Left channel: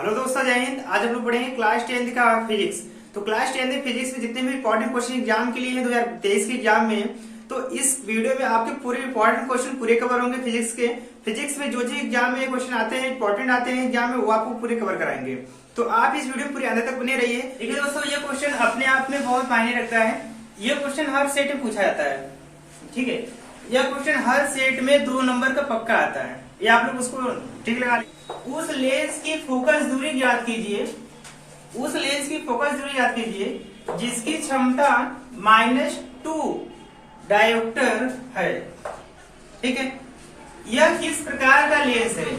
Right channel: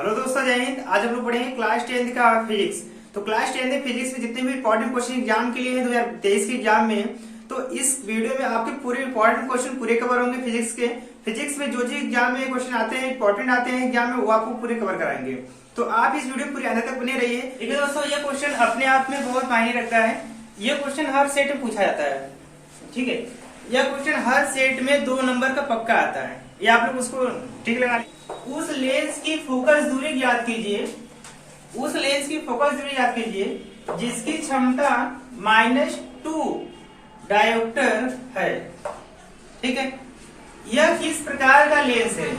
Hello दोस्तों, जय हिंद। आज हम लोग पढ़ेंगे क्लास 10 का फिजिक्स। तो क्लास 10 फिजिक्स में जितने भी इंपॉर्टेंट क्वेश्चन एग्जाम के लिए हैं 2023 के एग्जाम में, तो इस वीडियो में आपके पूरे इंपॉर्टेंट क्वेश्चन पूरे कवर होंगे फिजिक्स के। फिजिक्स में जो एग्जाम में क्वेश्चन आते हैं, इंपॉर्टेंट आते हैं एग्जाम में, वो आपको पूरे कवर कराएंगे। तो आप इस वीडियो पूरे अंत तक बने रहिए। देखिए दोस्तों, ये क्वेश्चन अपने आप में बहुत मायने रखता है। ये क्वेश्चन हर सेट में पूछा जाता है, ठीक है। यह क्वेश्चन हर सेट में 2 नंबर का पक्का आता है। ये आप लोग उसको ठीक लगा। उस लेंस की फोकस दूरी याद कीजिए, उस लेंस की फोकस दूरी याद कीजिए जिसकी क्षमता -2 डायोप्टर है, ठीक है। यह किस प्रकार का लेंस है,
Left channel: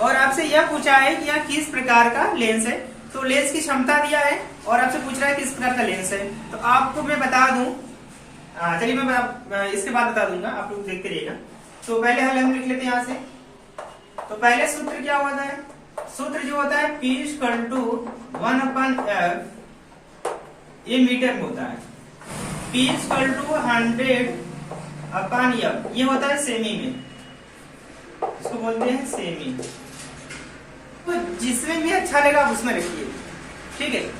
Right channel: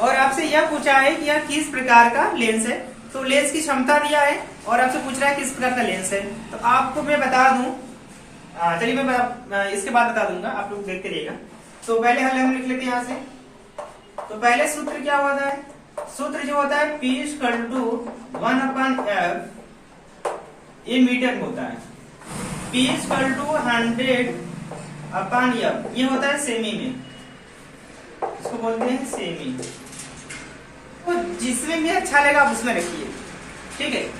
और आपसे यह पूछा है कि यह किस प्रकार का लेंस है। तो लेंस की क्षमता दिया है और आपसे पूछ रहा है किस प्रकार का लेंस है। तो आपको मैं बता दूं, चलिए मैं इसके बाद बता दूंगा, आप लोग देखते रहिएगा। तो पहले हम लिख लेते हैं यहाँ से। तो पहले सूत्र क्या होता है, सूत्र जो होता है P = 1/f, ये मीटर में होता है। P = 100/f, ये होता है सेमी में, इसको बोलते हैं सेमी। तो जिसमें भी अच्छा लगा आप उसमें रखिए, ठीक है।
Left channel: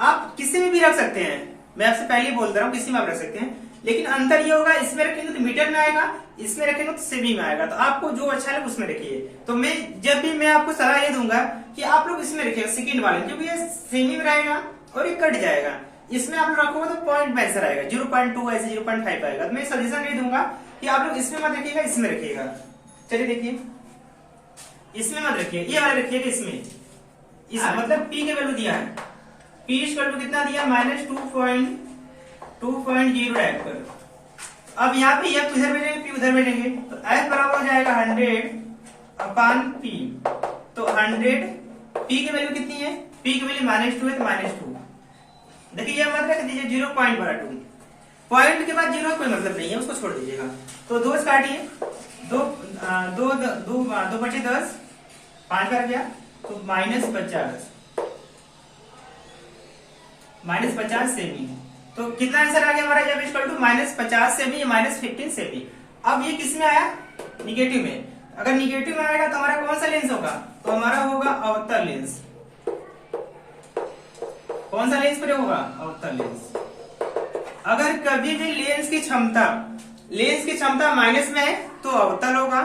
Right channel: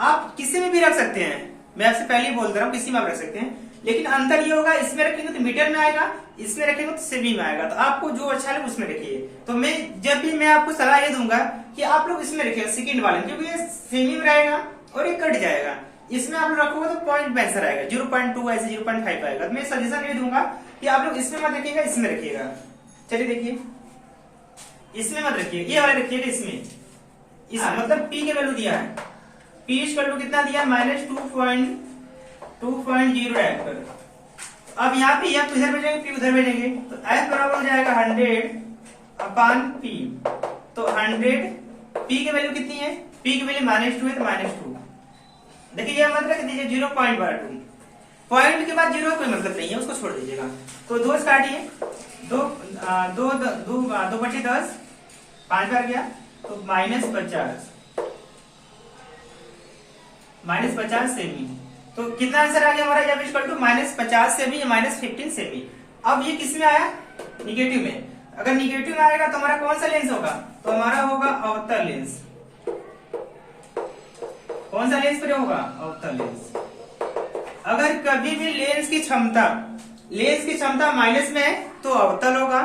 आप किसी में भी रख सकते हैं, मैं आपसे पहले ही बोल रहा हूँ, किसी में आप रख सकते हैं, लेकिन अंतर ये होगा, इसमें रखेंगे तो मीटर में आएगा, इसमें रखेंगे तो सेमी में आएगा। तो आपको जो अच्छा लगे उसमें रखिए। तो जब भी मैं आपको सलाह ये दूंगा कि आप लोग इसमें रखिए, सेकंड वाले, क्योंकि ये सेमी में रहेगा और ये कट जाएगा। इसमें आप लोग रखोगे तो पॉइंट में आंसर आएगा, 0.2 ऐसे 0.5 आएगा। तो मैं सजेशन ये दूंगा कि आप लोग इसमें मत रखिएगा, इसमें रखिएगा। चलिए देखिए, इसमें मत रखिए, ये वाले रखिएगा इसमें। मतलब P के वैल्यू दिया है, P = कितना दिया, -2.0 डायोप्टर। अब यहाँ पे F इधर भेजेंगे, P उधर भेजेंगे, तो F बराबर हो जाएगा 100/P। तो 100, P की वैल्यू कितनी है, P की वैल्यू -2 है, तो -2। देखिए ये मत रख दीजिए 0.12। पॉइंट के बाद 0 कोई मतलब नहीं है, उसको छोड़ दीजिएगा। तो 2 काटिए, 2 बचे 10, 5 कर गया, तो -50 सेमी। तो कितना आंसर आ गया हमारा, जब -50 सेमी या -15 सेमी। अब ये किस में आया, निगेटिव में। अगर निगेटिव में आएगा तो हमारा कौन सा लेंस होगा, तो हमारा होगा अवतल लेंस। कौन सा लेंस पर होगा, अवतल लेंस। अगर कभी भी लेंस की क्षमता माइनस में है तो अवतल होगा,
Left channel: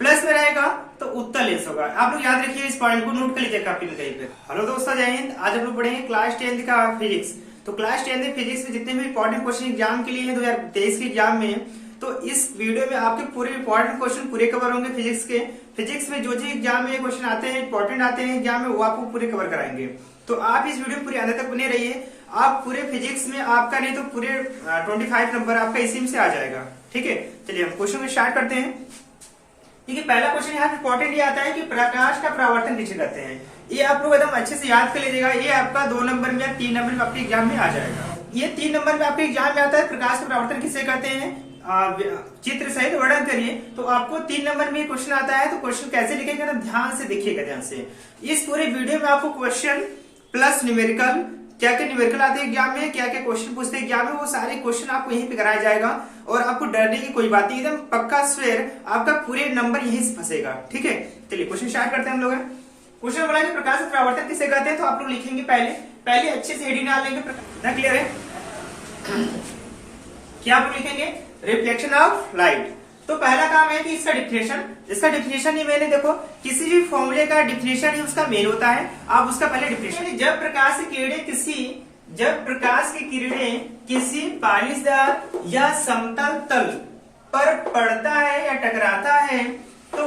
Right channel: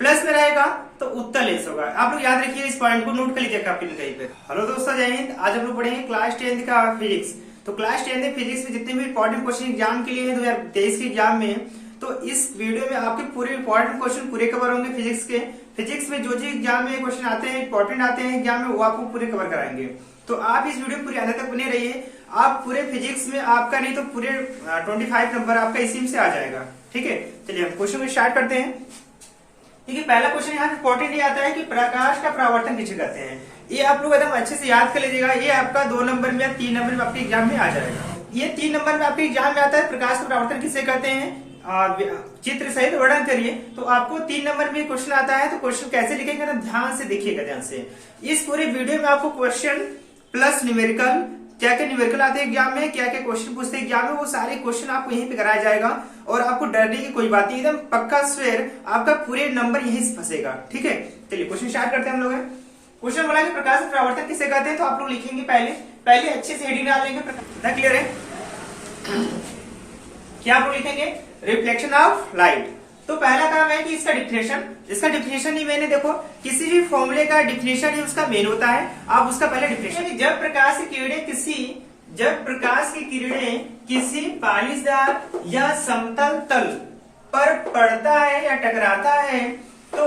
प्लस में रहेगा तो उत्तल लेंस होगा। आप लोग याद रखिए, इस पॉइंट को नोट कर लीजिए कॉपी में कहीं पे। हेलो दोस्तों, जय हिंद। आज हम लोग पढ़ेंगे क्लास 10 का फिजिक्स। तो क्लास 10 फिजिक्स में जितने भी इंपॉर्टेंट क्वेश्चन एग्जाम के लिए हैं 2023 के एग्जाम में, तो इस वीडियो में आपके पूरे इंपॉर्टेंट क्वेश्चन पूरे कवर होंगे फिजिक्स के। फिजिक्स में जो एग्जाम में क्वेश्चन आते हैं, इंपॉर्टेंट आते हैं एग्जाम में, वो आपको पूरे कवर कराएंगे। तो आप इस वीडियो पूरे अंत तक बने रहिए। आप पूरे फिजिक्स में आपका नहीं तो पूरे 25 नंबर आपका इसी में से आ जाएगा, ठीक है। चलिए हम क्वेश्चन को स्टार्ट करते हैं। देखिए पहला क्वेश्चन यहाँ इंपॉर्टेंट ये आता है कि प्रकाश का परावर्तन किसे कहते हैं। ये आप लोग एकदम अच्छे से याद कर लीजिएगा। ये आपका 2 नंबर में या 3 नंबर में आपके एग्जाम में आ जाएगा। ये 3 नंबर में आपके एग्जाम में आता है, प्रकाश का परावर्तन किसे कहते हैं, चित्र सहित वर्णन करिए। तो आपको 3 नंबर में क्वेश्चन आता है, तो क्वेश्चन कैसे लिखेंगे ना, ध्यान से देखिएगा, ध्यान से। इस पूरे वीडियो में आपको क्वेश्चन प्लस न्यूमेरिकल, क्या क्या न्यूमेरिकल आते हैं एग्जाम में, क्या क्या क्वेश्चन पूछते हैं एग्जाम में, वो सारे क्वेश्चन आपको यहीं पे कराया जाएगा। और आपको डरने की कोई बात नहीं, एकदम पक्का स्वेर आपका पूरे नंबर यहीं से फंसेगा, ठीक है। चलिए क्वेश्चन स्टार्ट करते हैं हम लोग। क्वेश्चन बोला कि प्रकाश परावर्तन किसे कहते हैं, तो आप लोग लिखेंगे पहले अच्छे से हेडिंग डाल लेंगे। कितना क्लियर है, क्या आप लोग लिखेंगे, रिफ्लेक्शन ऑफ लाइट। तो पहला काम है कि इसका डिफिनेशन ही मैंने देखो, किसी भी फॉर्मूले का डिफिनेशन ही उसका मेन होता है। आप उसका पहले डिफिनेशन, जब प्रकाश की किरणें किसी पालिशदार या समतल तल पर पड़ता है या टकराता है, तो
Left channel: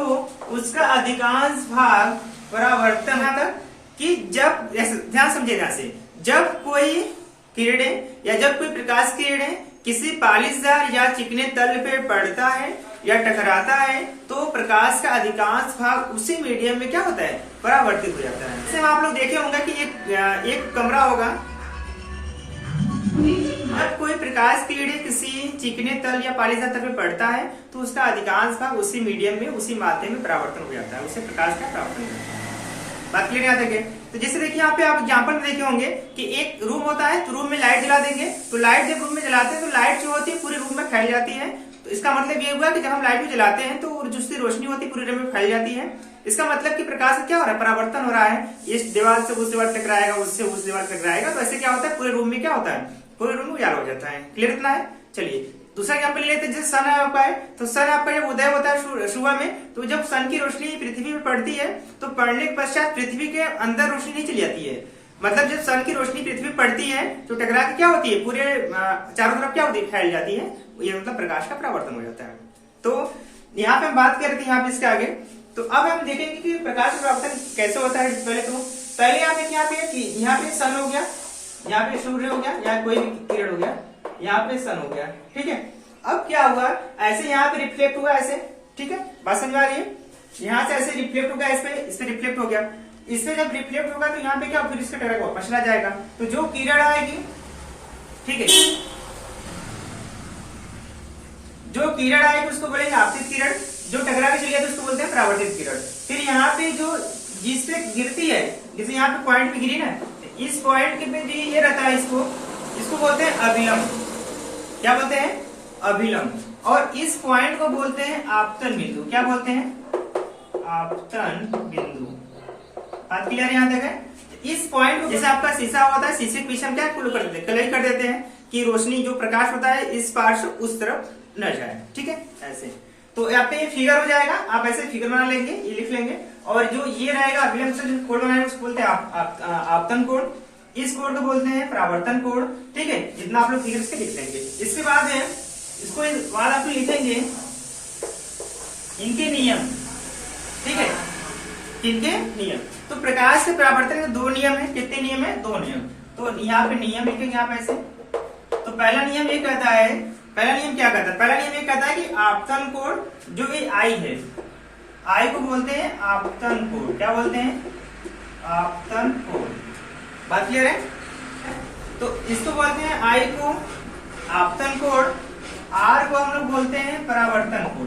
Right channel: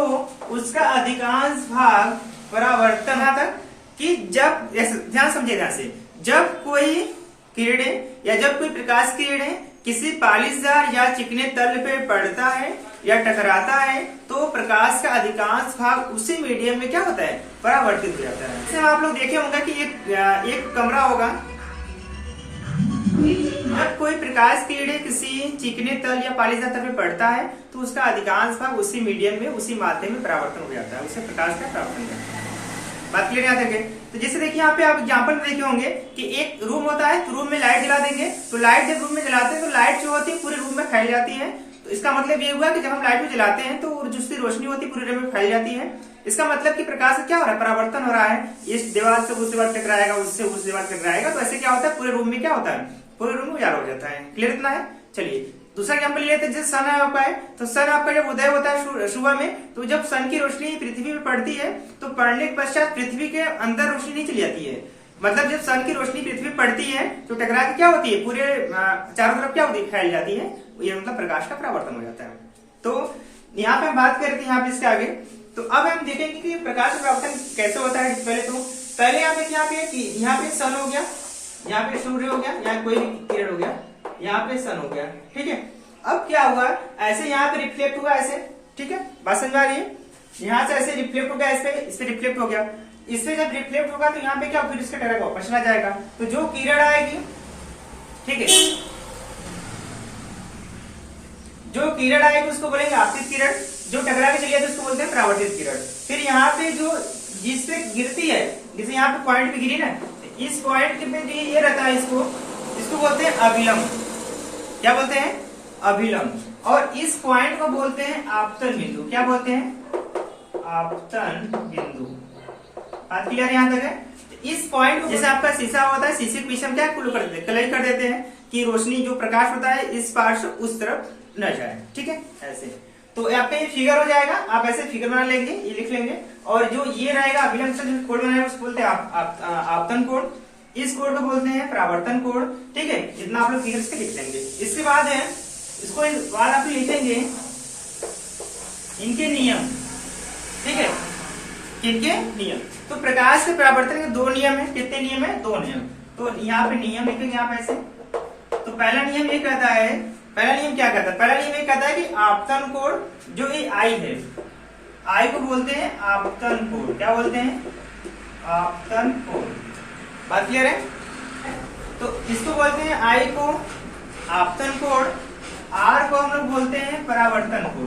उसका अधिकांश भाग परावर्तन तक कि जब, ध्यान समझिए ध्यान से, जब कोई किरणें या जब कोई प्रकाश की किरणें किसी पालिशदार या चिकने तल पे पड़ता है या टकराता है, तो प्रकाश का अधिकांश भाग उसी मीडियम में क्या होता है, परावर्तित हो जाता है। जैसे आप लोग देखे होंगे कि एक कमरा होगा, जब कोई प्रकाश की किरणें किसी चिकने तल या पालिशदार तल पे पड़ता है, तो उसका अधिकांश भाग उसी मीडियम में, उसी माध्यम में परावर्तन हो जाता है, उसे प्रकाश का परावर्तन कहते हैं। बात क्लियर याद रखें। तो जैसे देखिए यहाँ पे आप एग्जांपल में देखे होंगे कि एक रूम होता है, तो रूम में लाइट जला देंगे, तो लाइट जब रूम में जलाते हैं तो लाइट जो होती है पूरे रूम में फैल जाती है, तो इसका मतलब ये हुआ कि जब हम लाइट को जलाते हैं तो जो उसकी रोशनी होती है पूरे रूम में फैल जाती है। इसका मतलब कि प्रकाश से क्या हो रहा है, परावर्तन हो रहा है, इस दीवार से उस दीवार टकराएगा, उससे उस दीवार टकराएगा, तो ऐसे क्या होता है पूरे रूम में क्या होता है, पूरे रूम में उजाला हो जाता है। क्लियर इतना है। चलिए दूसरा एग्जाम्पल ले लेते हैं। जैसे सन है आपका है, तो सन आपका जब उदय होता है सुबह में, तो जब सन की रोशनी पृथ्वी पे पड़ती है तो पड़ने के पश्चात पृथ्वी के अंदर रोशनी नहीं चली जाती है। मतलब जब सन की रोशनी पृथ्वी पे पड़ती है तो टकरा के क्या होती है, पूरे चारों तरफ क्या होती है, फैल जाती है। ये मतलब प्रकाश का परावर्तन हो जाता है। तो यहाँ पे हम बात करते हैं यहाँ पे इसके आगे। तो अब हम देखेंगे कि प्रकाश का परावर्तन कैसे होता है। पहले यहाँ पे सन हो गया, यहाँ पे सूर्य हो गया, यहाँ कोई भी किरण हो गया, यहाँ पे सन हो गया, ठीक है। अब क्या हुआ, ऐसे यहाँ पे रिफ्लेक्ट हुआ ऐसे, ठीक है, बात समझ आ रही है। यहाँ से ऐसे रिफ्लेक्ट हो गया, इस पे रिफ्लेक्ट हो गया, इससे जब रिफ्लेक्ट होगा तो यहाँ पे क्या फिर इसका टकरा वापस चला जाएगा। तो जो किरण आएगी, ठीक है, जो किरण आएगी उसको बोलेंगे आपतित किरण, जो टकरा के चली जाती है उसको बोलते हैं परावर्तित किरण। फिर यहाँ पे जो जिस पे गिरती है, जैसे यहाँ पे पॉइंट पे गिरी ना, तो इस पॉइंट के पे ये रहता है, इसको बोलते हैं अभिलंब। क्या बोलते हैं, अभिलंब। और इस पॉइंट को बोलते हैं आपतन बिंदु। क्या बोलते हैं, आपतन बिंदु। बात क्लियर है यहाँ तक है। इस पॉइंट जैसे आपका शीशा होता है, शीशे के पीछे हम क्या कर देते हैं, कलर कर देते हैं कि रोशनी जो प्रकाश होता है इस पार से उस तरफ न जाए, ठीक है, ऐसे। तो आपका ये फिगर हो जाएगा, आप ऐसे फिगर बना लेंगे, ये लिख लेंगे। और जो ये रहेगा अभिलंब से जो कोण बनाएंगे उसको बोलते हैं आपतन कोण, इस कोण को बोलते हैं परावर्तन कोण, ठीक है। जितना आप लोग फिगर्स के लिख लेंगे। इसके बाद है, इसको बाद आप लिखेंगे इनके नियम, ठीक है, इनके नियम। तो प्रकाश के परावर्तन के दो नियम है। कितने नियम है, दो नियम। तो यहाँ पे नियम लिखेंगे आप ऐसे। तो पहला नियम ये कहता है, पहला नियम क्या कहता है, पहला नियम ये कहता है कि आपतन कोण जो ये आई है, आई को बोलते हैं आपतन कोण। क्या बोलते हैं, आपतन कोण। बात क्लियर है। तो इसको बोलते हैं आई को आपतन कोण, आर को हम लोग बोलते हैं परावर्तन कोण,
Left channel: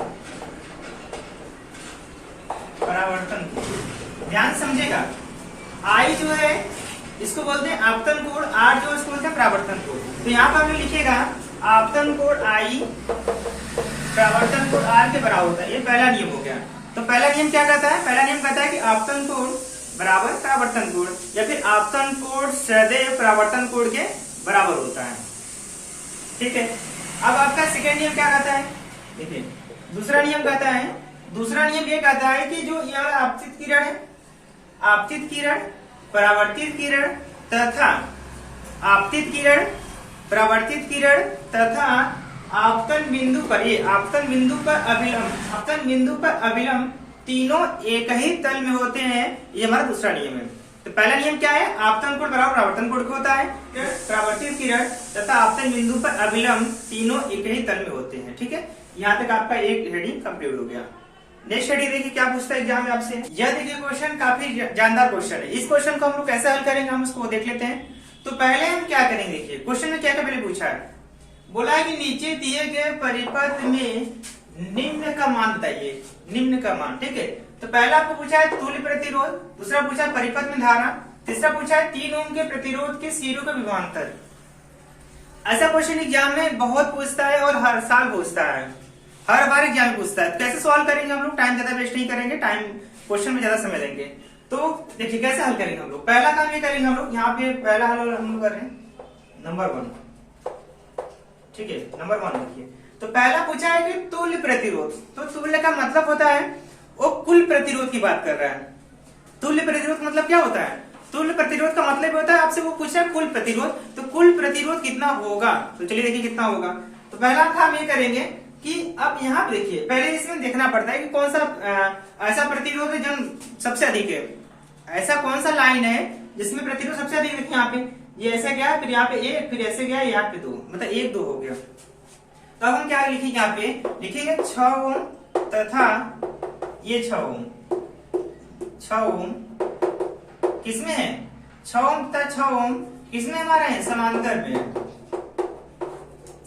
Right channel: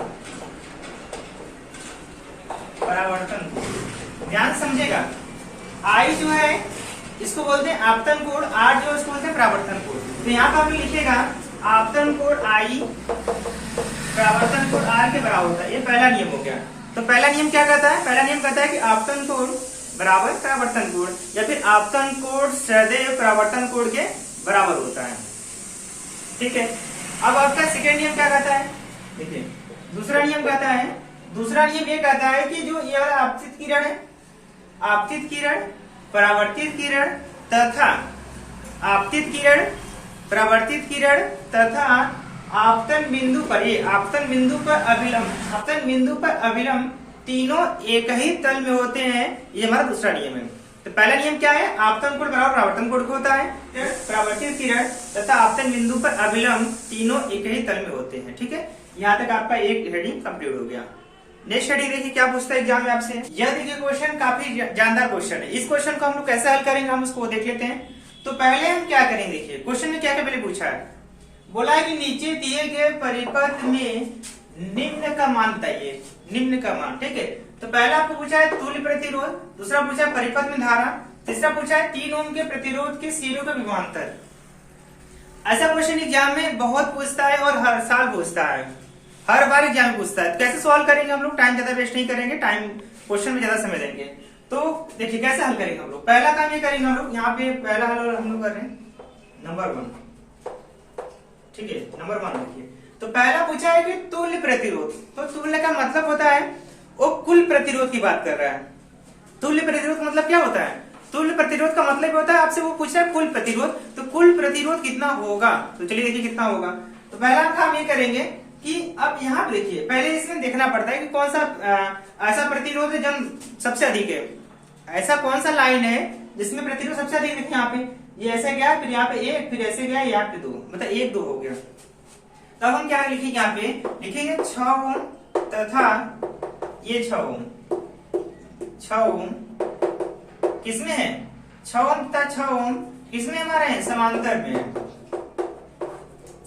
परावर्तन कोण। ध्यान समझेगा, आई जो है इसको बोलते हैं आपतन कोण, आर जो इसको बोलते हैं परावर्तन कोण। तो यहाँ पर भी लिखेगा आपतन कोण आई परावर्तन कोण आर के बराबर होता है। ये पहला नियम हो गया। तो पहला नियम क्या कहता है, पहला नियम कहता है कि आपतन कोण बराबर परावर्तन कोण, या फिर आपतन कोण सदैव परावर्तन कोण के बराबर होता है, ठीक है। अब आपका सेकेंड नियम क्या कहता है, देखिए दूसरा नियम कहता है, दूसरा नियम ये कहता है कि जो यह आपतित किरण है, आपतित किरण, परावर्तित किरण तथा आपतित किरण, परावर्तित किरण तथा आपतन बिंदु पर, ये आपतन बिंदु पर अभिलंब, आपतन बिंदु पर अभिलंब तीनों एक ही तल में होते हैं। ये हमारा दूसरा नियम है। तो पहला नियम क्या है, आपतन कोण बराबर परावर्तन कोण होता है, परावर्तित किरण तथा आपतन बिंदु पर अभिलंब तीनों एक ही तल में होते हैं, ठीक है। यहाँ तक आपका एक हेडिंग कंप्लीट हो गया। नेक्स्ट हेडिंग देखिए क्या पूछता है एग्जाम में आपसे। यह देखिए क्वेश्चन काफी जानदार क्वेश्चन है। इस क्वेश्चन को हम लोग कैसे हल करेंगे हम उसको देख लेते हैं। तो पहले हम क्या करेंगे, देखिए क्वेश्चन में क्या क्या पहले पूछा है, बोला है कि नीचे दिए गए परिपथ में निम्न का मान बताइए, निम्न का मान, ठीक है। तो पहला आपको पूछा है तुल्य प्रतिरोध, दूसरा पूछा है परिपथ में धारा, तीसरा पूछा है 3 ओम के प्रतिरोध के सिरों का विभवांतर। ऐसा क्वेश्चन एग्जाम में बहुत पूछता है और हर साल पूछता है, हर बार एग्जाम में पूछता है। कैसे सॉल्व करेंगे हम लोग, टाइम ज्यादा वेस्ट नहीं करेंगे, टाइम क्वेश्चन में ज्यादा समय देंगे। तो देखिए कैसे हल करेंगे हम लोग। पहला काम ये करेंगे हम लोग, यहाँ पे पहला हल हम लोग कर रहे हैं नंबर 1, ठीक है, नंबर 1 देखिए। तो पहला पूछा है कि तुल्य प्रतिरोध, तो तुल्य का मतलब होता है वो कुल प्रतिरोध की बात कर रहा है। तुल्य प्रतिरोध का मतलब क्या होता है, तुल्य प्रतिरोध का मतलब होता है आपसे वो पूछा है कुल प्रतिरोध, तो कुल प्रतिरोध कितना होगा। तो चलिए देखिए कितना होगा। तो पहला काम ये करेंगे कि अब यहाँ पे देखिए, पहले इसमें देखना पड़ता है कि कौन सा ऐसा प्रतिरोध है जो सबसे अधिक है, ऐसा कौन सा लाइन है जिसमें प्रतिरोध सबसे अधिक है। यहाँ पे ये ऐसे गया, फिर यहाँ पे 1, फिर ऐसे गया, यहाँ पे 2, मतलब 1 2 हो गया। तब हम क्या लिखेंगे, यहाँ पे लिखेंगे 6 ओम तथा ये 6 ओम, 6 ओम किसमें है, 6 ओम तथा 6 ओम किसमें हमारे हैं, समांतर में,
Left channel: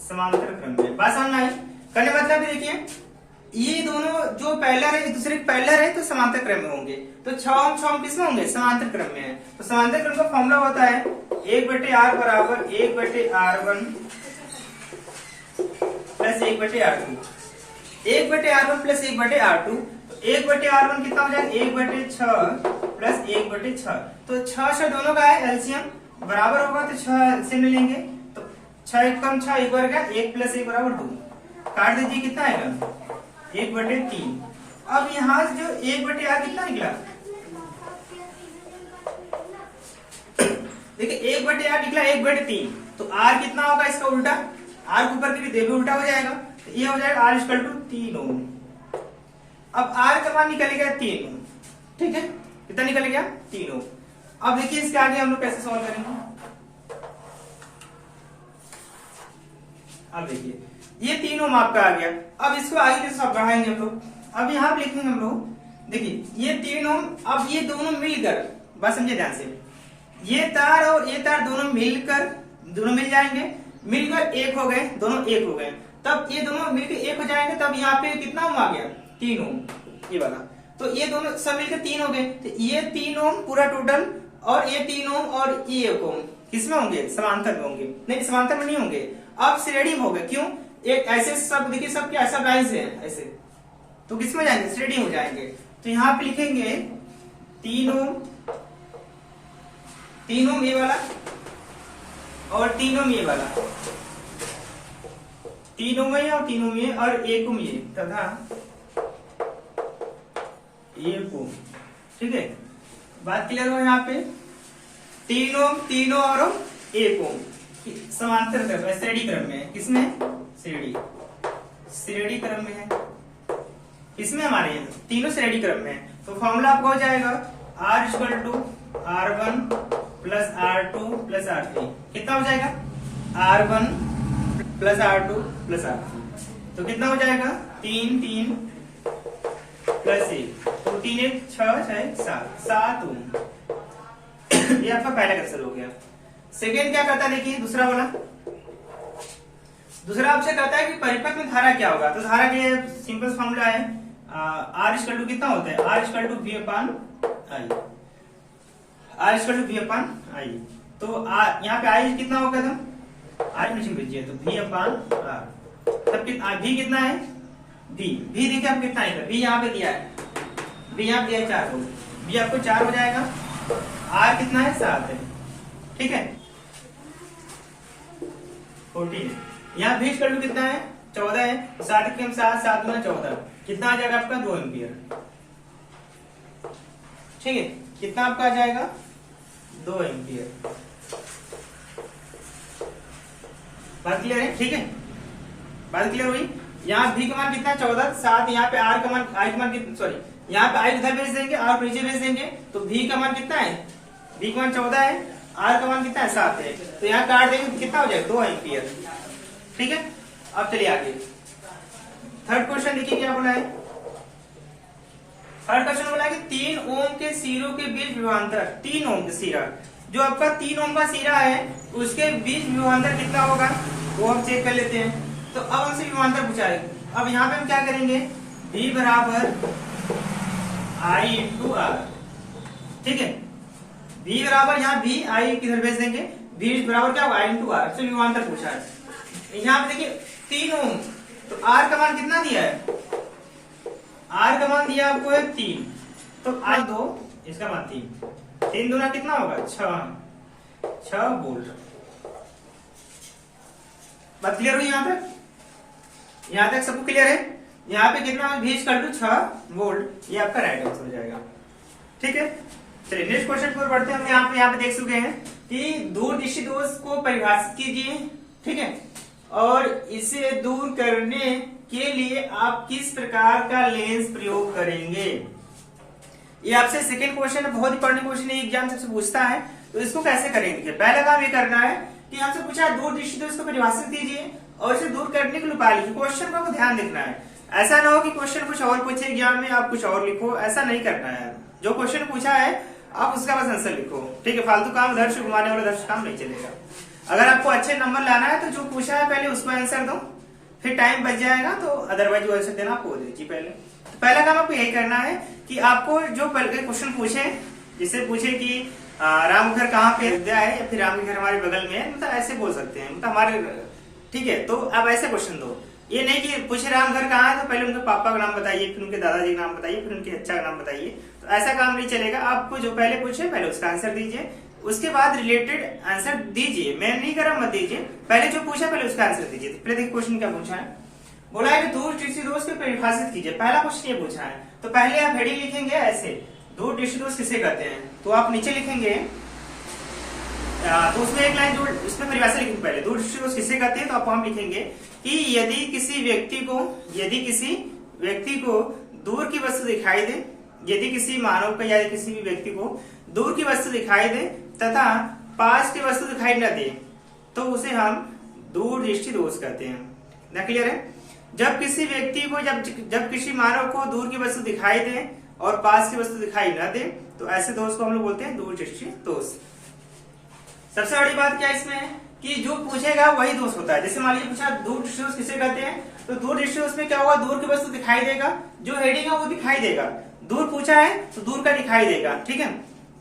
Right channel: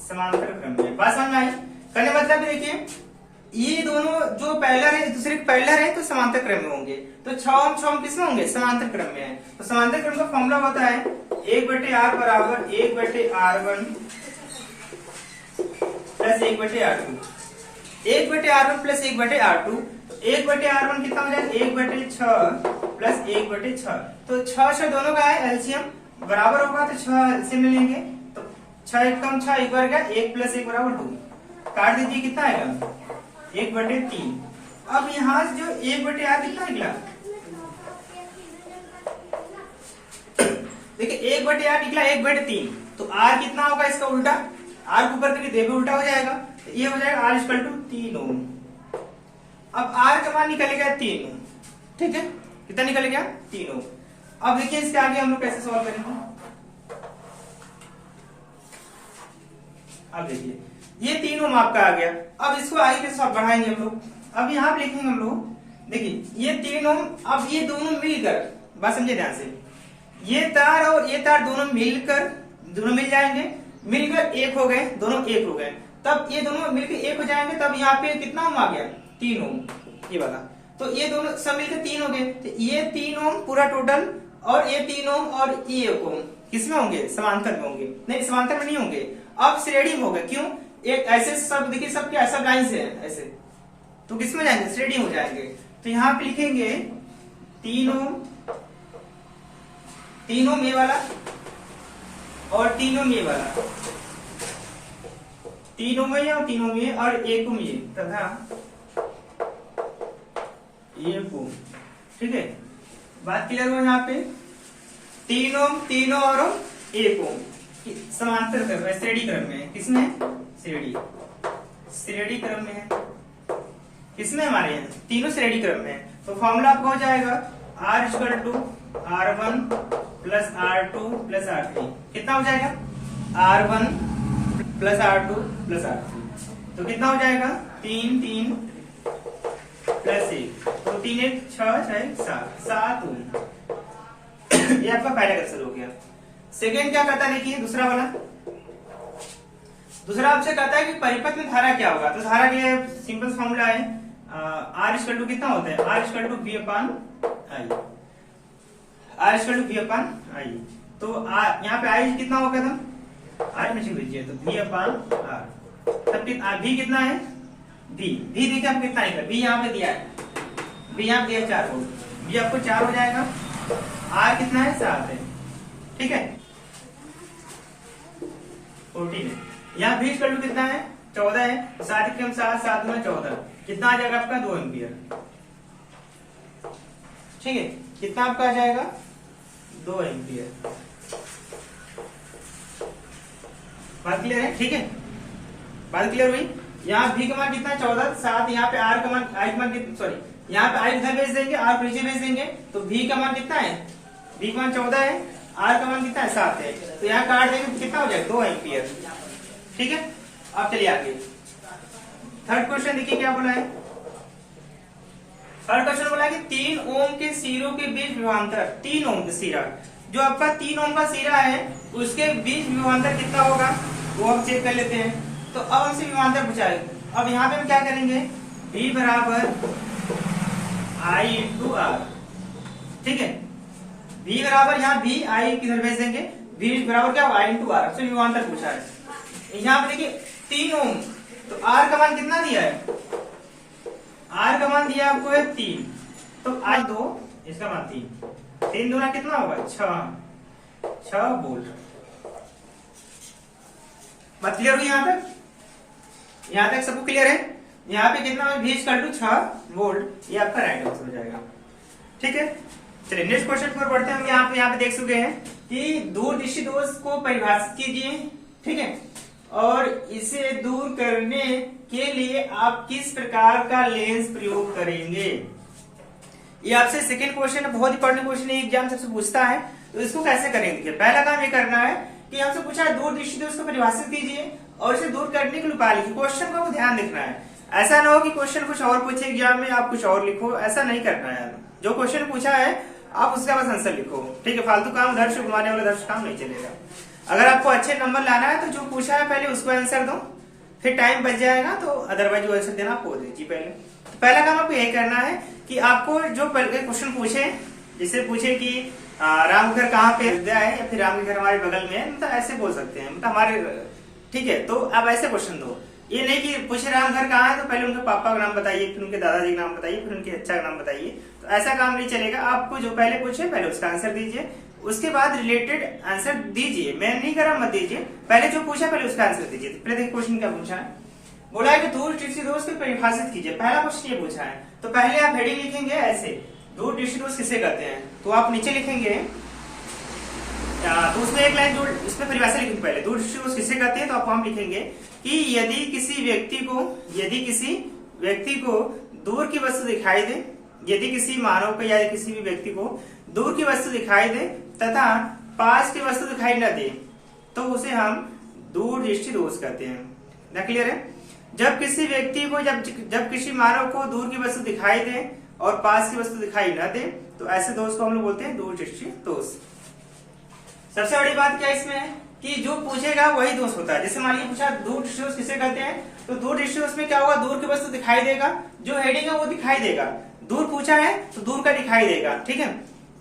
समांतर क्रम में। बात समझ आई। कहने मतलब देखिए ये दोनों जो पैरेलल है, दूसरे पैरेलल है तो समांतर क्रम में होंगे। तो 6 ओम किसमें होंगे, समांतर क्रम में है। तो समांतर क्रम का फॉर्मूला होता है 1/r बराबर 1/r1 plus 1/r2। 1/R1 plus 1/R2, तो 1/R1 कितना हो जाएगा 1/6 प्लस 1/6, तो 6 दोनों का है एलसीएम बराबर होगा, तो 6 एलसीएम मिलेंगे, तो 6 एक कम 6 एक बार गया, 1 प्लस 1 बराबर 2, काट दीजिए कितना आएगा 1/3। अब यहाँ से जो 1/R कितना निकला, देखिए 1/R निकला 1/3, तो R कितना होगा इसका उल्टा, R के ऊपर के देखो उल्टा हो जाएगा, तो ये हो जाएगा R इक्वल टू 3 ओम। अब R का मान निकल गया 3 ओम, ठीक है, कितना निकल गया 3 ओम। अब देखिए इसके आगे हम लोग कैसे सॉल्व करेंगे। अब देखिए ये 3 ओम आपका आ गया, अब इसको आगे के साथ बढ़ाएंगे हम लोग। अब यहाँ पे लिखेंगे हम लोग, देखिए ये 3 ओम, अब ये दोनों मिलकर, बस समझे ध्यान से, ये तार और ये तार दोनों मिल जाएंगे, मिलकर एक हो गए, दोनों एक हो गए, तब ये दोनों मिलकर एक हो जाएंगे, तब यहाँ पे कितना ओम आ गया 3 ओम, ये वाला, तो ये दोनों सब मिलकर 3 हो गए, तो ये 3 ओम पूरा टोटल, और ये 3 ओम और ये 1 ओम किसमें होंगे, समांतर में होंगे, नहीं समांतर में नहीं होंगे, अब श्रेणी में होंगे, क्यों, एक ऐसे सब देखिए सब क्या सब लाइन से है ऐसे, तो किसमें जाएंगे श्रेणी हो जाएंगे, तो यहाँ पे लिखेंगे 3 ओम ये वाला और 3 ओम ये वाला, 3 ओम ये और 3 ओम ये और 1 ओम ये तथा 1 ओम, ठीक है, बात क्लियर हो यहाँ पे, 3 ओम 3 और 1 ओम समांतर क्रम में श्रेणी क्रम में है, किसमें श्रेणी क्रम में है, किसमें हमारे तीनों श्रेणी क्रम में है, तो फॉर्मूला आपका हो जाएगा R equal to R1 plus R2 plus R3, कितना हो जाएगा R1 plus R2 plus R3, तो कितना हो जाएगा 3 3 प्लस 1, तो 3 1 6 6 7 ओम। ये आपका पहला क्वेश्चन हो गया। सेकेंड क्या कहता है, देखिए दूसरा वाला, दूसरा आपसे कहता है कि परिपथ में धारा क्या होगा, तो धारा के सिंपल फॉर्मूला है R इक्वल टू कितना होता है, R equal to V upon I, R equal to V upon I, तो यहाँ पे I कितना होगा एकदम I मशीन भेजिए, तो V अपॉन R, तब V कितना है, V देखिए आप कितना है, V यहाँ पे दिया है, V यहाँ पे 4 हो, V आपको 4 हो जाएगा, R कितना है 7 है, ठीक है 14 है, यहाँ V इक्वल टू कितना है 14 है, 7 के हम 7 7 गुना 14, कितना आ जाएगा आपका 2 एम्पियर, ठीक है, कितना आपका आ जाएगा 2 एम्पियर, बात क्लियर है, ठीक है, बात क्लियर हुई। यहाँ V का मान कितना 14, 7, यहाँ पे R का मान I का मान कितना, सॉरी यहाँ पे I उधर भेज देंगे, R नीचे भेज देंगे, तो V का मान कितना है, V का मान 14 है, R का मान कितना है 7 है, तो यहाँ काट देंगे तो कितना हो जाएगा 2 एम्पियर, ठीक है। अब चलिए आगे थर्ड क्वेश्चन देखिए क्या बोला है, थर्ड क्वेश्चन बोला है कि 3 ओम के सिरों के बीच विभवांतर, 3 ओम का सिरा, जो आपका 3 ओम का सिरा है उसके बीच विभवांतर कितना होगा वो हम चेक कर लेते हैं। तो अब हमसे विभवांतर पूछा है, अब यहाँ पे हम क्या करेंगे, V बराबर I इंटू R, ठीक है, V बराबर यहाँ V I किधर भेज देंगे, V बराबर क्या होगा I इंटू R, आपसे विभवांतर पूछा है। यहाँ पे देखिए 3 ओम, तो R का मान कितना दिया है, R का मान दिया आपको है 3, तो I 2 इसका मान 3, 3 दूना कितना होगा 6 वोल्ट। बात क्लियर हुई यहाँ तक सबको क्लियर है। यहाँ पे कितना V इक्वल टू 6 वोल्ट, ये आपका राइट आंसर हो जाएगा, ठीक है। चलिए नेक्स्ट क्वेश्चन की ओर बढ़ते हैं। हम यहाँ पे देख चुके हैं कि दूरदृष्टि दोष को परिभाषित कीजिए, ठीक है, और इसे दूर करने के लिए आप किस प्रकार का लेंस प्रयोग करेंगे। ये आपसे सेकेंड क्वेश्चन है, बहुत इंपॉर्टेंट क्वेश्चन है, एग्जाम सबसे पूछता है, तो इसको कैसे करेंगे। पहला काम ये करना है कि हमसे पूछा है दूरदृष्टि दोष को परिभाषित कीजिए और इसे दूर करने के लिए उपाय लिखिए। क्वेश्चन को ध्यान देखना है, ऐसा ना हो कि क्वेश्चन कुछ और पूछे एग्जाम में आप कुछ और लिखो, ऐसा नहीं करना है। जो क्वेश्चन पूछा है आप उसका बस आंसर लिखो, ठीक है। फालतू काम दर्श घुमाने वाला दर्श काम नहीं चलेगा। अगर आपको अच्छे नंबर लाना है तो जो पूछा है पहले उसको आंसर दो, फिर टाइम बच जाएगा, तो अदरवाइज वो आंसर देना आपको दीजिए पहले। तो पहला काम आपको यही करना है कि आपको जो पहले क्वेश्चन पूछे, जिससे पूछे कि राम घर कहाँ पे विद्या है या फिर राम घर हमारे बगल में है, मतलब ऐसे बोल सकते हैं, मतलब हमारे, ठीक है। तो आप ऐसे क्वेश्चन दो ये नहीं कि पूछ रहा हम घर कहाँ है तो पहले उनके पापा का नाम बताइए, फिर उनके दादाजी का नाम बताइए, फिर उनके अच्छा का नाम बताइए, तो ऐसा काम नहीं चलेगा। आपको जो पहले पूछे पहले उसका आंसर दीजिए, उसके बाद रिलेटेड आंसर दीजिए। मैं नहीं करा मत दीजिए, पहले जो पूछा पहले उसका आंसर दीजिए। तो पहले देखिए क्वेश्चन क्या पूछा है, बोला है कि दूर दृष्टि दोष की परिभाषित कीजिए। पहला क्वेश्चन ये पूछा है, तो पहले आप हेडिंग लिखेंगे ऐसे, दूर दृष्टि दोष किसे कहते हैं, तो आप नीचे लिखेंगे तो उसमें एक लाइन जो उसमें परिभाषा लिखेंगे पहले, दूर दृष्टि दोष किसे कहते हैं, तो आप वहां लिखेंगे कि यदि किसी व्यक्ति को दूर की वस्तु दिखाई दे, यदि किसी मानव को या किसी भी व्यक्ति को दूर की वस्तु दिखाई दे तथा पास की वस्तु दिखाई न दे, तो उसे हम दूर दृष्टि दोष कहते हैं। ना क्लियर है? जब किसी व्यक्ति को जब किसी मानव को दूर की वस्तु दिखाई दे और पास की वस्तु दिखाई न दे, तो ऐसे दोष को हम लोग बोलते हैं दूर दृष्टि दोष। सबसे बड़ी बात क्या इसमें है कि जो पूछेगा वही दोष होता है। जैसे मान लीजिए पूछा दूर दृष्टि दोष किसे कहते हैं, तो दूर दृष्टि दोष में क्या होगा, दूर की वस्तु दिखाई देगा, जो हेडिंग है वो दिखाई देगा। दूर पूछा है तो दूर का दिखाई देगा, ठीक है।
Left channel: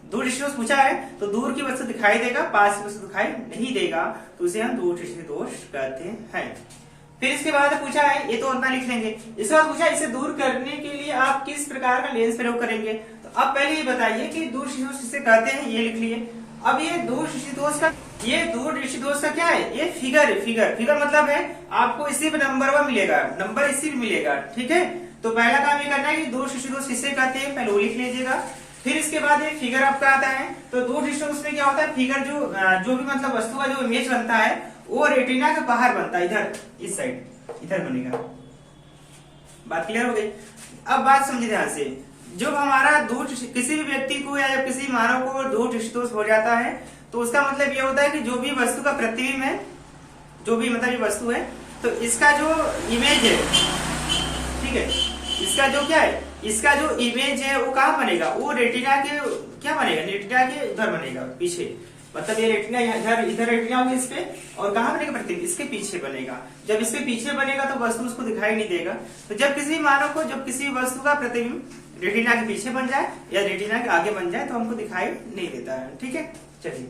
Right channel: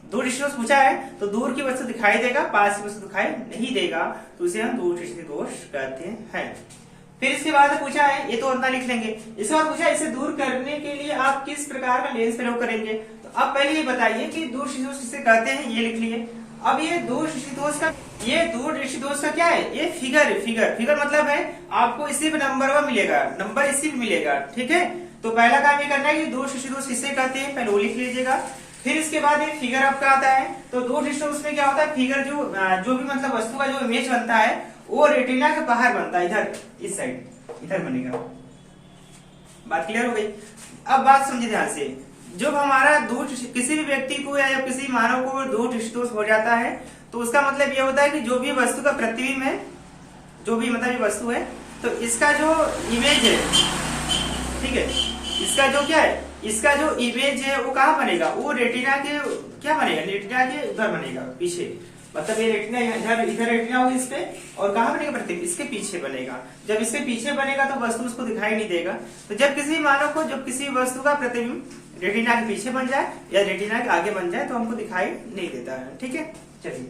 दूर दृष्टि दोष पूछा है तो दूर की वस्तु दिखाई देगा, पास की वस्तु दिखाई नहीं देगा, तो उसे हम दूर दृष्टि दोष कहते हैं। फिर इसके बाद पूछा है, ये तो उतना लिख लेंगे। इसके बाद पूछा इसे दूर करने के लिए आप किस प्रकार का लेंस प्रयोग करेंगे, तो आप पहले ये बताइए कि दूर दृष्टि दोष किसे कहते हैं, ये लिख लिए। अब ये दूर दृष्टि दोष का क्या है, ये फिगर मतलब है आपको इसी पे नंबर मिलेगा, नंबर इसी पे मिलेगा, ठीक है। तो पहला काम ये करना है कि दूर दृष्टि दोष किसे कहते हैं, पहले वो लिख लीजिएगा। फिर इसके बाद एक फिगर आपका आता है, तो दूर दृष्टि दोष में क्या होता है, फिगर जो भी मतलब वस्तु का जो इमेज बनता है वो रेटिना के बाहर बनता है, इधर इस साइड इधर बनेगा। बात क्लियर हो गई? अब बात समझिए ध्यान से, जब हमारा दूर किसी भी व्यक्ति को या किसी मानव को दूर दृष्टि दोष हो जाता है, तो उसका मतलब ये होता है कि जो भी वस्तु का प्रतिबिंब है, जो भी मतलब ये वस्तु है, तो इसका जो इमेज है, ठीक है, इसका जो क्या है, इसका जो इमेज है वो कहाँ बनेगा, वो रेटिना के क्या बनेगा, रेटिना के इधर बनेगा पीछे। मतलब ये रेटिना इधर रेटिना होगी इस पे, और कहाँ बनेगा प्रतिबिंब, इसके पीछे बनेगा। जब इसके पीछे बनेगा तो वस्तु उसको दिखाई नहीं देगा। तो जब किसी मानव को जब किसी वस्तु का प्रतिबिंब रेटिना के पीछे बन जाए या रेटिना के आगे बन जाए तो हमको दिखाई नहीं देता है, ठीक है। चलिए,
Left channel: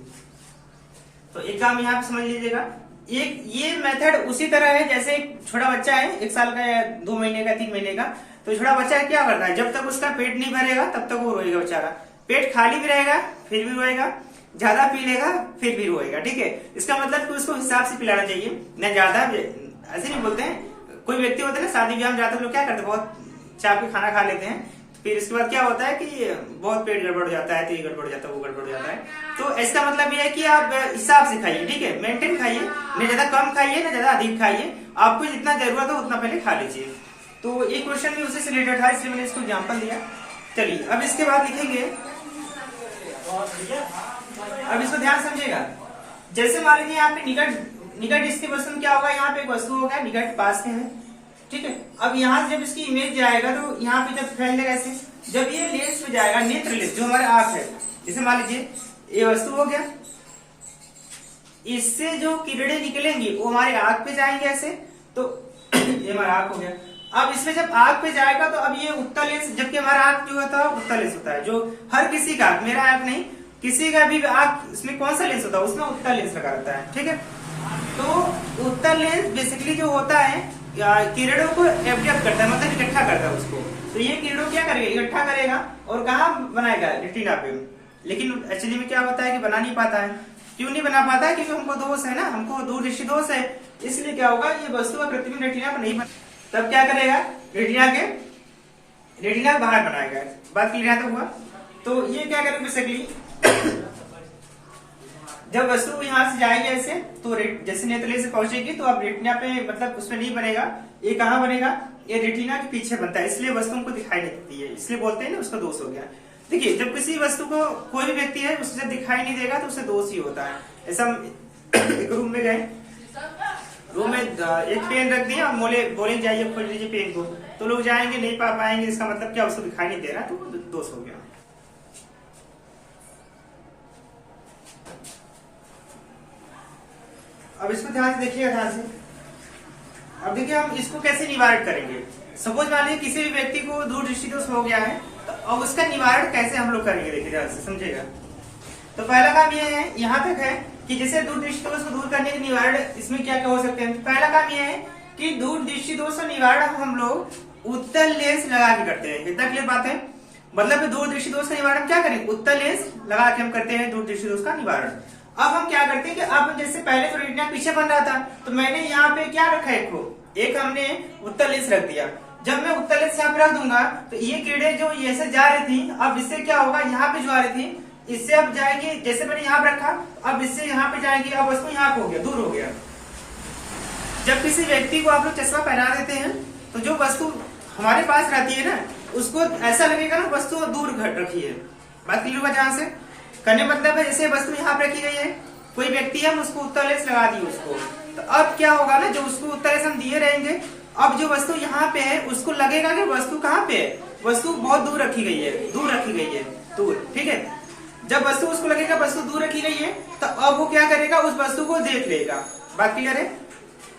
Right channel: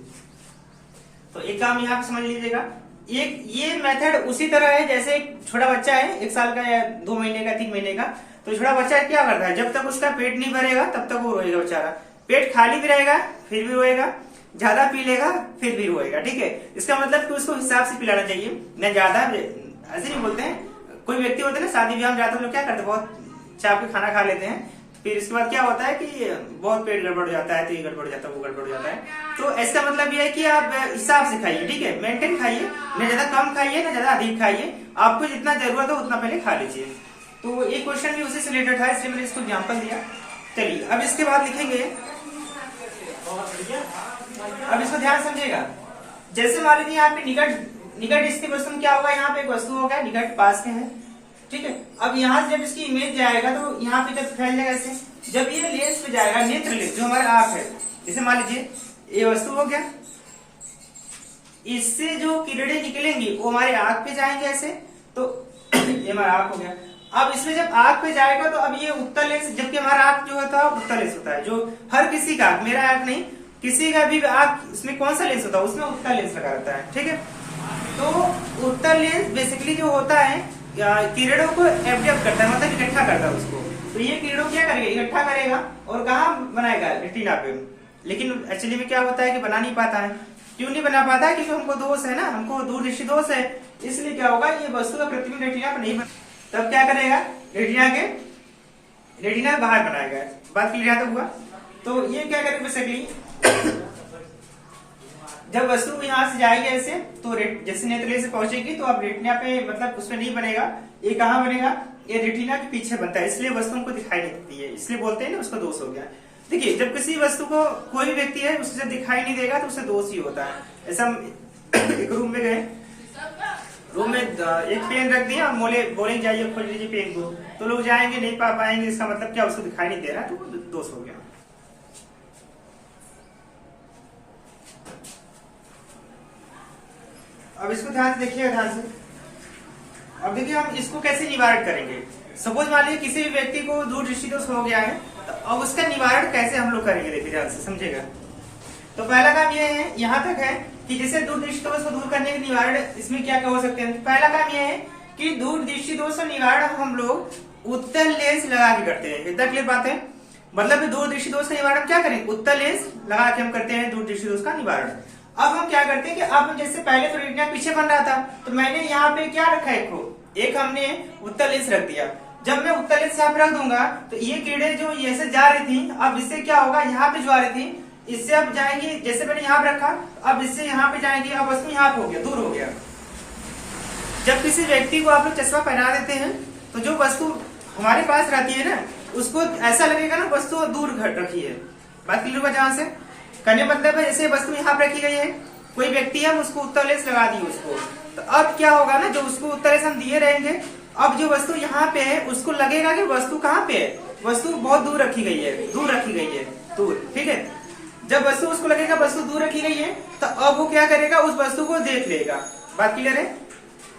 तो एक काम यहाँ पे समझ लीजिएगा, ये मेथड उसी तरह है जैसे एक छोटा बच्चा है, 1 साल का या 2 महीने का 3 महीने का, तो छोटा बच्चा क्या करता है, जब तक उसका पेट नहीं भरेगा तब तक वो रोएगा बेचारा। पेट खाली भी रहेगा फिर भी रोएगा, ज्यादा पी लेगा फिर भी रोएगा, ठीक है। इसका मतलब कि उसको हिसाब से पिलाना चाहिए, न ज्यादा, ऐसे नहीं बोलते हैं। कोई व्यक्ति होते हैं ना शादी ब्याह में जाते हैं, लोग क्या करते हैं, बहुत चाप के खाना खा लेते हैं, फिर इसके बाद क्या होता है कि बहुत पेट गड़बड़ हो जाता है, तो ये गड़बड़ हो जाता है, वो गड़बड़ हो जाता है। तो इसका मतलब ये है कि आप हिसाब से खाइए, ठीक है, मेंटेन खाइए, न ज्यादा कम खाइए न ज्यादा अधिक खाइए, आपको जितना जरूरत हो उतना पहले खा लीजिए। तो ये क्वेश्चन भी उसी से रिलेटेड था, इसलिए मैंने इसको एग्जाम्पल दिया। चलिए, अब इसके बाद लिखेंगे, अब इसको ध्यान समझिएगा। जैसे मान लीजिए यहाँ पे निकट स्थित वस्तु क्या होगा, यहाँ पे एक वस्तु होगा, निकट पास में है, ठीक है। अब यहाँ से जब इसकी इमेज जाएगा तो यहाँ पे जब फैल जाएगा ऐसे, जब ये लेंस पे जाएगा, नेत्र लेंस जो हमारे आंख है, जैसे मान लीजिए ये वस्तु हो गया, इससे जो किरणें निकलेंगी वो हमारे आंख पे जाएंगे ऐसे, तो ये हमारा आंख हो गया। अब इसमें जब आंख पे जाएगा तो अब ये उत्तल लेंस, जबकि हमारा आंख जो होता है उत्तल लेंस होता है, जो हर किसी का, मेरा आंख नहीं, किसी का भी आंख, इसमें कौन सा लेंस होता है, उसमें उत्तल लेंस लगा रहता है, ठीक है। तो उत्तल लेंस बेसिकली जो होता है किरणों को एब्जॉर्ब करता है, मतलब इकट्ठा करता है उसको। तो ये किरणों क्या करेगा, इकट्ठा करेगा और कहाँ बनाएगा, रेटिना पे। लेकिन एक्चुअली में क्या होता है कि बना नहीं पाता है। क्यों नहीं बना पाता है, क्योंकि हमको दोष है ना, हमको दूर दृष्टि दोष है, इसलिए क्या होगा, ये वस्तु का प्रतिबिंब रेटिना पर नहीं बना, तब क्या करेगा, रेटिना के बाहर बनाएगा। बात क्लियर तो हुआ। तो ये क्या करेगा बेसिकली, जब वस्तु यहाँ से जाएगी ऐसे, तो जैसे नेत्र से पहुंचेगी तो अब रेटिना पे, मतलब उसमें नहीं बनेगा, ये कहाँ बनेगा, ये रेटिना के पीछे बनता है, इसलिए वस्तु को दिखाई नहीं देती है, इसलिए बोलते हैं ना उसका दोष हो गया। देखिए, जब किसी वस्तु को कोई भी व्यक्ति है उसे जब दिखाई नहीं देगा तो उसे दोष ही होता है। ऐसा एक रूम में गए, रूम में एक पेन रख दिया, बोलेंगे जाइए खोज लीजिए पेन को, तो लोग जाएंगे, नहीं पा पाएंगे, इसका मतलब क्या, उसको दिखाई नहीं दे रहा, तो दोष हो गया। अब इसको ध्यान से देखिएगा, ध्यान से। अब देखिए हम इसको कैसे निवारण करेंगे। सपोज मान लीजिए किसी भी व्यक्ति को दूर दृष्टि दोष हो गया है, तो अब उसका निवारण कैसे हम लोग करेंगे, देखिए ध्यान से समझिएगा। तो पहला काम ये है, यहाँ तक है कि जैसे दूर दृष्टि दोष को दूर करने के निवारण इसमें क्या क्या हो सकते हैं। पहला काम ये है कि दूर दृष्टि दोष का निवारण हम लोग उत्तल लेंस लगा के करते हैं। इतना क्लियर बात है। मतलब दूर दृष्टि दोष का निवारण क्या करें, उत्तल लेंस लगा के हम करते हैं दूर दृष्टि दोष का निवारण। अब हम क्या करते हैं कि अब जैसे पहले तो रेटिना पीछे बन रहा था, तो मैंने यहाँ पे क्या रखा है, एक हमने उत्तल लेंस रख दिया। जब मैं उत्तल लेंस यहाँ पे रख दूंगा तो ये किरणें जो ये से जा रही थी, अब इससे क्या होगा, यहाँ पे जो आ रही थी इससे अब जाएंगी, जैसे मैंने यहाँ पे रखा अब इससे यहाँ पे जाएंगी, अब वस्तु यहाँ पे हो गया, दूर हो गया। जब किसी व्यक्ति को आप लोग चश्मा पहना देते हैं तो जो वस्तु हमारे पास रहती है ना, उसको ऐसा लगेगा ना वस्तु दूर घट रखी है। बात क्लियर हुआ जहां से करने मतलब है, जैसे वस्तु यहाँ पे रखी गई है, कोई व्यक्ति है, हम उसको उत्तल लेंस लगा दिए उसको, तो अब क्या होगा ना, जो उसको उत्तल लेंस हम दिए रहेंगे, अब जो वस्तु यहाँ पे है उसको लगेगा कि वस्तु कहाँ पे है, वस्तु बहुत दूर रखी गई है, दूर रखी गई है, दूर। ठीक है, जब वस्तु उसको लगेगा वस्तु दूर रखी गई है, तो अब वो क्या करेगा, उस वस्तु को देख लेगा। बात क्लियर है।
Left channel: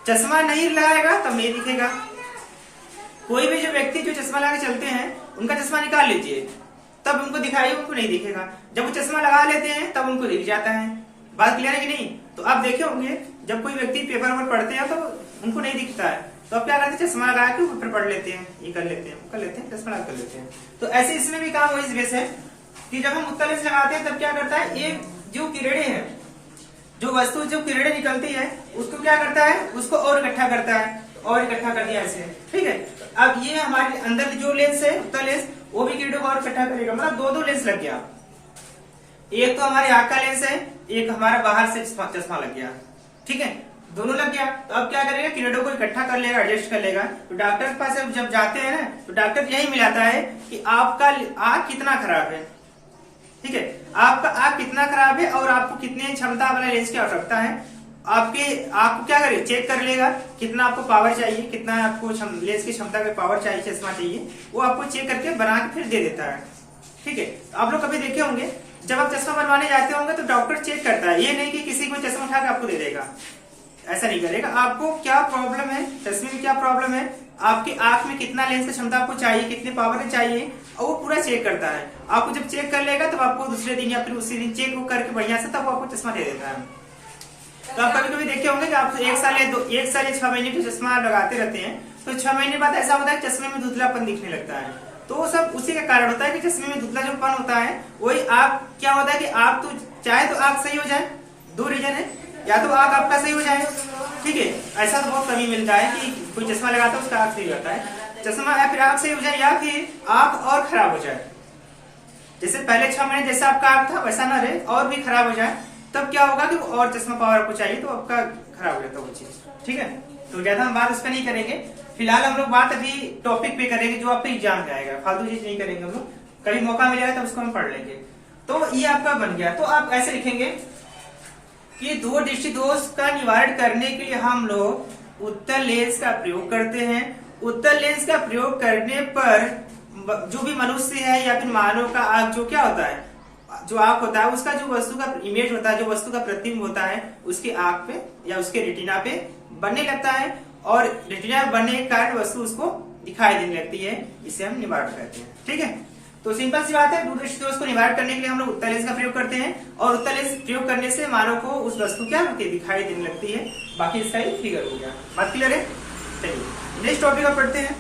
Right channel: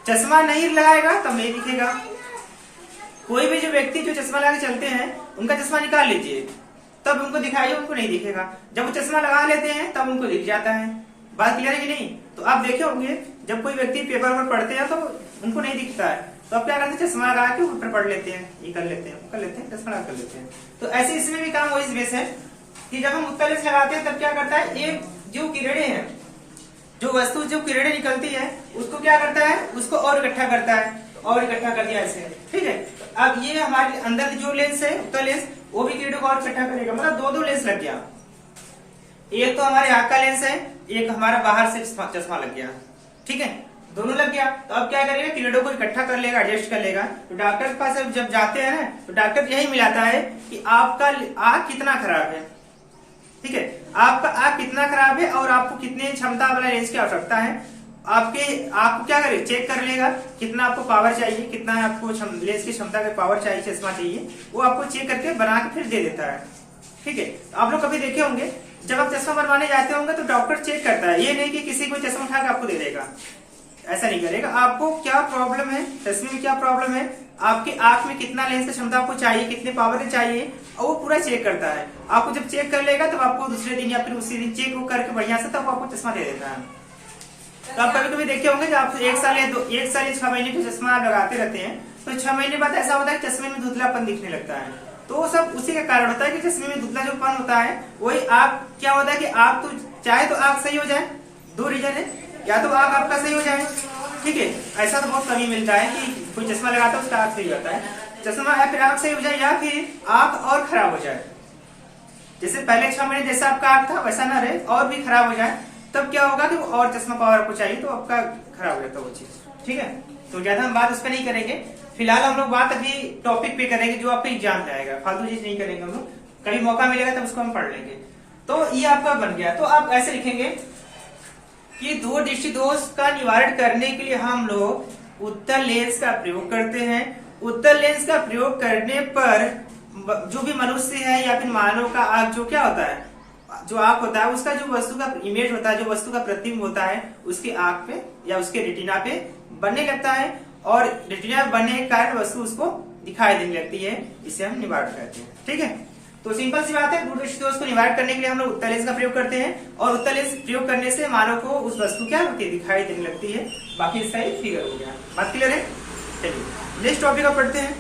चश्मा नहीं लगाएगा तब नहीं दिखेगा। कोई भी जो व्यक्ति जो चश्मा लगा के चलते हैं उनका चश्मा निकाल लीजिए, तब उनको दिखाइए, उनको नहीं दिखेगा। जब वो चश्मा लगा लेते हैं तब उनको दिख जाता है। बात क्लियर है कि नहीं। तो आप देखे होंगे जब कोई व्यक्ति पेपर पर पढ़ते हैं तो उनको नहीं दिखता है, तो अब क्या करते हैं, चश्मा लगा के पेपर पढ़ लेते हैं, ये कर लेते हैं, वो कर लेते हैं, चश्मा लगा कर लेते हैं। तो ऐसे इसमें भी काम वही बेस है कि जब हम उत्तल लेंस लगाते हैं तब क्या करता है, ये जो किरणें हैं, जो वस्तु जो किरणें निकलती है उसको क्या करता है, उसको और इकट्ठा करता है, और इकट्ठा कर दिया ऐसे। ठीक है, अब ये हमारे अंदर जो लेंस है उत्तल लेंस, वो भी किरणों को और इकट्ठा करेगा। मतलब दो लेंस लग गया, एक तो हमारे आंख का लेंस है, एक हमारा बाहर से चश्मा लग गया। ठीक है, दोनों लग गया। तो अब क्या करेगा, किरणों को इकट्ठा कर लेगा, एडजस्ट कर लेगा। तो डॉक्टर के पास जब जाते हैं ना, तो डॉक्टर यही मिलाता है कि आपका आंख कितना खराब है। ठीक है, आपका आंख कितना खराब है और आपको कितने क्षमता वाला लेंस की आवश्यकता है। आपके आंख को क्या करे, चेक कर लेगा कितना आपको पावर चाहिए, कितना आपको लेंस की क्षमता का पावर चाहिए, चश्मा चाहिए, वो आपको चेक करके बना के फिर दे देता है। ठीक है, तो आप लोग कभी देखे होंगे जब आप चश्मा बनवाने जाते होंगे तो डॉक्टर चेक करता है, ये नहीं कि किसी को चश्मा उठा के आपको दे देगा, ऐसा नहीं करेगा। आपको क्या प्रॉब्लम है, चश्मे में क्या प्रॉब्लम है, आपकी आंख में कितना लेंस की क्षमता आपको चाहिए, कितने पावर चाहिए, और वो पूरा चेक करता है। आपको जब चेक कर लेगा तब आपको दूसरे दिन या फिर उसी दिन चेक करके बढ़िया से तब वो आपको चश्मा दे देता है। तो आप कभी कभी देखे होंगे कि आप 1 साल या 6 महीने के चश्मा आप लगाते रहते हैं, तो 6 महीने बाद ऐसा होता है चश्मे में धुंधलापन दिखने लगता है। तो वो सब उसी का कारण होता है कि चश्मे में धुंधला जो पन होता है, वही आंख क्या होता है कि आंख तो चाहे तो आंख सही हो जाए, 2 रीजन है, या तो आंख आपका सही हो जाए। ठीक है, ऐसा तो बहुत कमी मिलता है कि कोई चश्मा लगाता है उसका आंख सही होता है, चश्मा या फिर आंख सही हो जाए या फिर आंख और खराब हो जाए। जैसे पहले 6 महीने जैसा आपका आंख था वैसा ना रहे और भी खराब हो जाए, तब क्या होगा कि और चश्मा पावर आपको चाहिए तो आपका खराब हो जाता है वो चीज। ठीक है, तो ज्यादा हम बात उसका नहीं करेंगे। फिलहाल हम लोग बात अभी टॉपिक पे करेंगे जो आपका एग्जाम में आएगा, फालतू चीज नहीं करेंगे हम लोग, कभी मौका मिलेगा तो उसको हम पढ़ लेंगे। तो ये आपका बन गया। तो आप ऐसे लिखेंगे कि दूर दृष्टि दोष का निवारण करने के लिए हम लोग उत्तल लेंस का प्रयोग करते हैं। उत्तल लेंस का प्रयोग करने पर जो भी मनुष्य है या फिर मानव का आंख जो क्या होता है, जो आंख होता है उसका जो वस्तु का इमेज होता है, जो वस्तु का प्रतिबिंब होता है उसके आंख पे या उसके रेटिना पे बनने लगता है, और रेटिना बनने के कारण वस्तु उसको दिखाई देने लगती है। इसे हम निवारण कहते हैं। ठीक है, तो सिंपल सी बात है, दूर दृष्टि दोष को निवारण करने के लिए हम लोग उत्तल लेंस का प्रयोग करते हैं, और उत्तल लेंस प्रयोग करने से मानव को उस वस्तु क्या होती है, दिखाई देने लगती है। बाकी इसका एक फिगर हो गया। बात क्लियर है। चलिए नेक्स्ट टॉपिक आप पढ़ते हैं।